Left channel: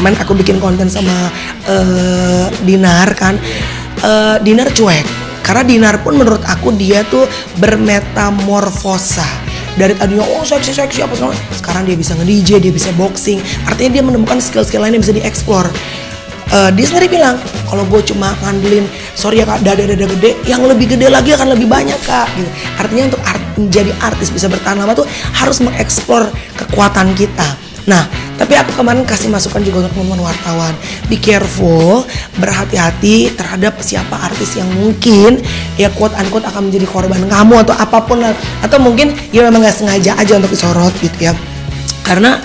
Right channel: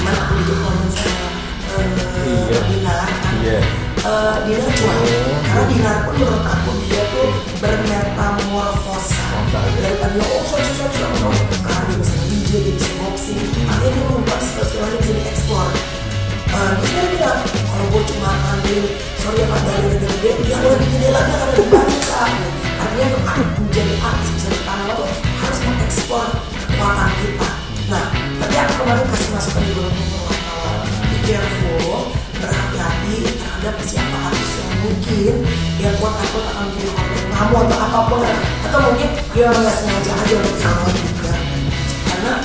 kemarin aku bikin konten sama Dinar kan, Dinar cuek. Karena Dinar pun menurut aku dia tuh bermetamorfosa. Dari tadinya seksi apa semua, sekarang dia bisa nge-DJ, dia bisa boxing. Artinya dia menemukan skill-skill lain yang bisa dieksplor. Dia sendiri bilang, kalau gue cuma ngandelin, sorry ya kak, dada gede, yang lebih gede lagi akan lebih banyak kak. Artinya untuk menjadi artis bisa bertahan lama tuh harus mengeksplor kekuatan kita. Nah, tapi aku kemarin kasih masukan juga untuk teman wartawan, be careful, berhati-hati terhadap siapa artis yang mungkin ya quote unquote akan menjadi korban kamu atau apapun lah, atau mungkin ya memang nggak sengaja aja untuk disorot gitu ya. Karena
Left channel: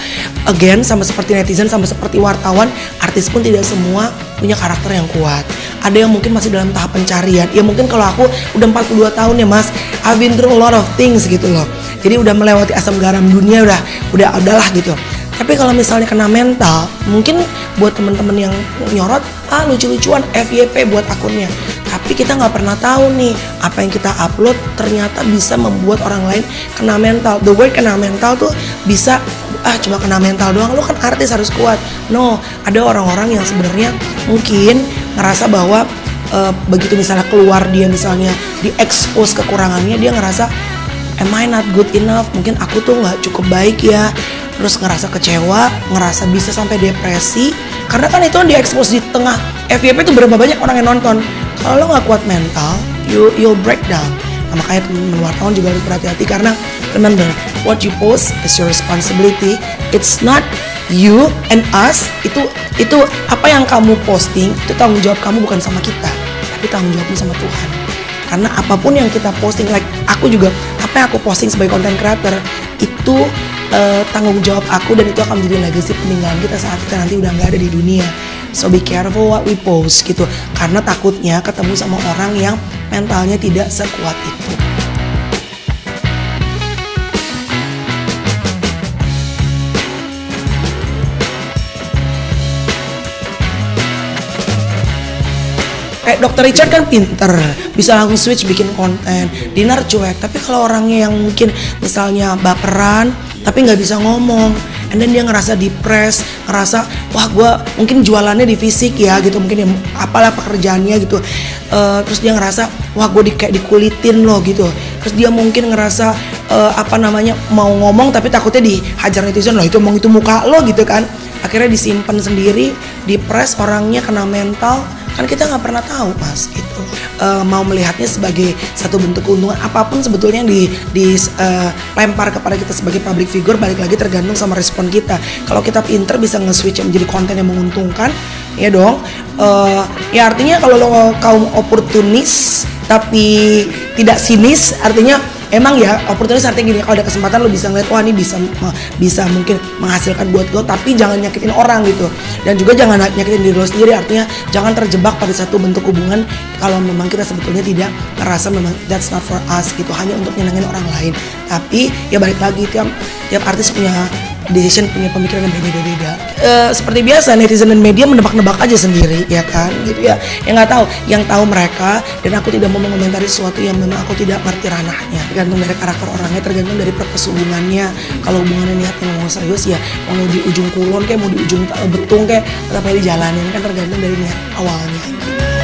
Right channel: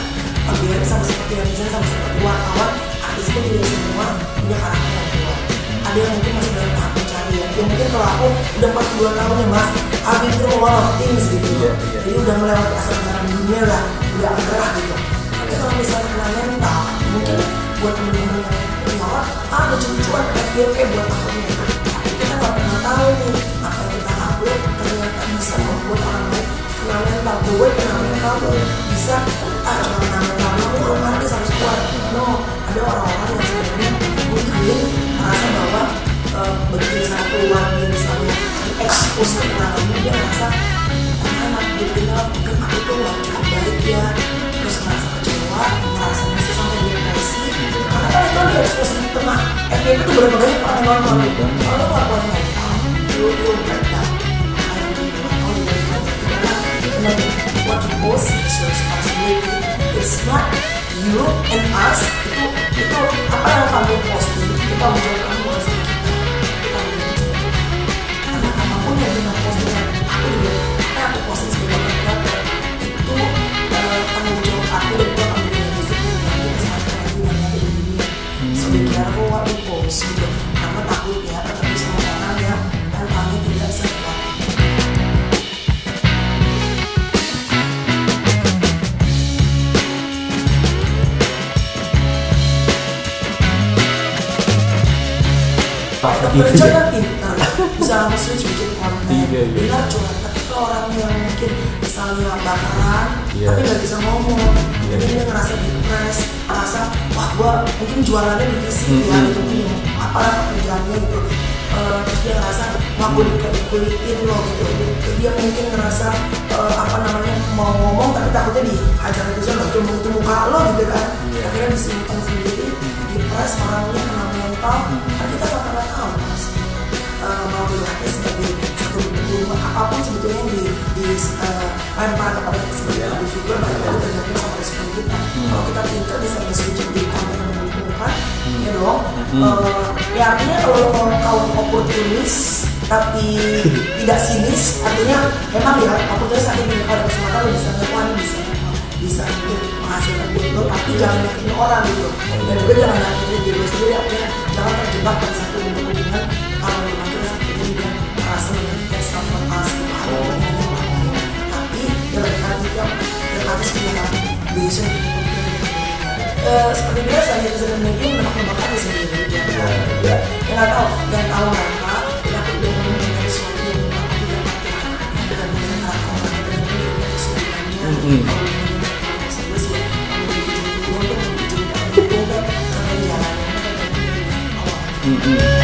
again, sama seperti netizen, sama seperti wartawan, artis pun tidak semua punya karakter yang kuat. Ada yang mungkin masih dalam tahap pencarian. Ya mungkin kalau aku udah 42 tahun ya mas, I've been through a lot of things gitu loh. Jadi udah melewati asam garam dunia, udahlah gitu. Tapi kalau misalnya kena mental, mungkin buat teman-teman yang nyorot, lucu-lucuan FYP buat akunnya. Tapi kita nggak pernah tahu nih, apa yang kita upload ternyata bisa membuat orang lain kena mental. The word kena mental tuh bisa cuma kena mental doang, lo kan artis harus kuat. No, ada orang-orang yang sebenarnya mungkin ngerasa bahwa begitu misalnya keluar dia misalnya diekspos kekurangannya, dia ngerasa am I not good enough, mungkin aku tuh nggak cukup baik ya, terus ngerasa kecewa, ngerasa bisa sampai depresi, karena kan itu diekspos di tengah FYP itu berapa banyak orang yang nonton. Kalau lo nggak kuat mental, you'll break down. Makanya teman-teman wartawan juga harus berhati-hati, karena tenang deh, what you post is your responsibility. It's not you and us. Itu apa yang kamu posting, itu tanggung jawab kamu, bukan sama kita, tapi tanggung jawabnya sama Tuhan. Karena apapun yang kita posting, like aku juga, apa yang aku posting sebagai content creator itu tanggung jawab aku, dan itu akan menjadi legacy peninggalan kita saat kita nanti udah nggak ada di dunia. So be careful what we post gitu, karena takutnya ketemu sama orang yang mentalnya tidak sekuat itu. Kayak Dr. Richard kan pinter, bisa langsung switch bikin konten. Dinar cuek, tapi kalau orangnya yang mungkin misalnya baperan, tapi nggak bisa ngomong, and then dia ngerasa depres, ngerasa wah gue mungkin jualannya di fisik ya gitu, mungkin ya, apalah pekerjaannya gitu, terus dia ngerasa wah gue kayak dikulitin loh gitu, terus dia mungkin ngerasa mau ngomong tapi takutnya dihajar netizen, loh itu emang itu muka lo gitu kan. Akhirnya disimpan sendiri, depres, orangnya kena mental, kan kita nggak pernah tahu pas gitu. Mau melihatnya sebagai satu bentuk keuntungan apapun sebetulnya yang dilempar kepada kita sebagai public figure, balik lagi tergantung sama respon kita. Kalau kita pinter bisa nge-switch menjadi konten yang menguntungkan, ya dong. Ya artinya kalau lo kaum oportunis tapi tidak sinis, artinya emang ya oportunis artinya gini, kalau ada kesempatan lo bisa ngeliat, wah ini bisa mungkin menghasilkan buat lo, tapi jangan nyakitin orang gitu, dan juga jangan nyakitin diri lo sendiri. Artinya jangan terjebak pada satu bentuk hubungan kalau memang kita sebetulnya tidak merasa memang that's not for us gitu, hanya untuk menyenangkan orang lain. Tapi ya balik lagi kan, tiap artis punya decision, punya pemikiran yang berbeda-beda. Seperti biasa netizen dan media menebak-nebak aja sendiri ya kan, gitu ya. Yang nggak tahu, yang tahu mereka, dan aku tidak mau mengomentari sesuatu yang memang aku tidak ngerti ranahnya. Tergantung dari karakter orangnya, tergantung dari proses hubungannya. Kalau hubungannya niatnya mau serius ya, mau di ujung kulon kayak mau di ujung betung kayak tetap dijalanin, kan tergantung dari niat awalnya.